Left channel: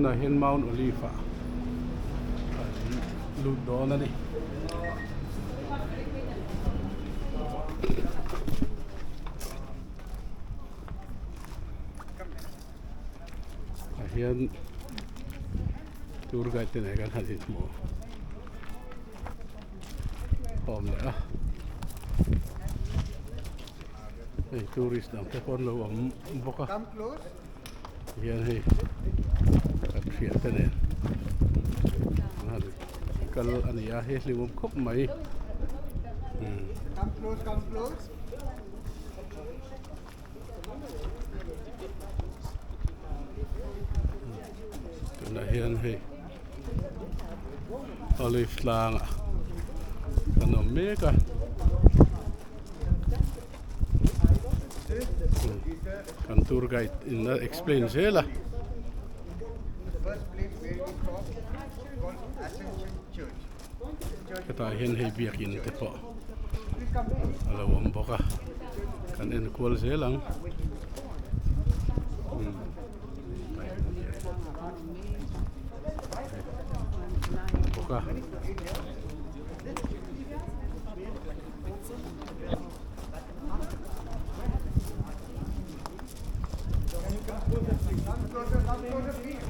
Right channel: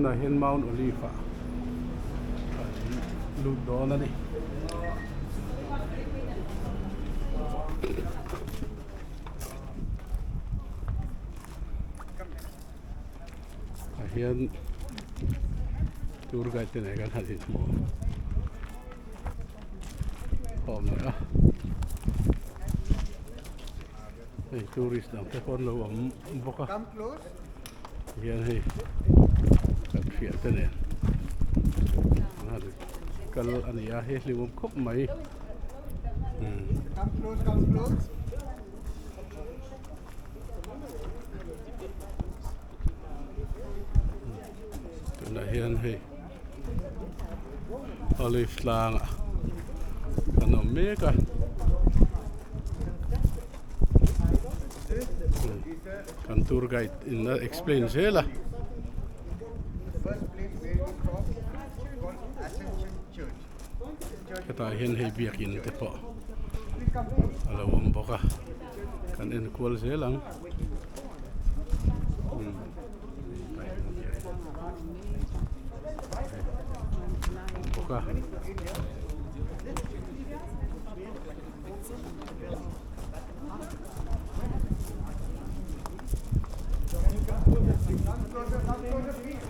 na hian Mount Oliva lut dawn ani hian tour guide te nei kan hasin mo om le a ei tourist dam te pon lo om boka Come close. hian hei kan fia te nei kal ani a he limum khop mai Come close, come close. tuna hian hei olive tlang kanom meka kan tour guide in explain sela The first place where we stop is called Ascension Church. kata hian hei biakin te po Please come close. alawam boka kan en kual selang boka Come closer, please.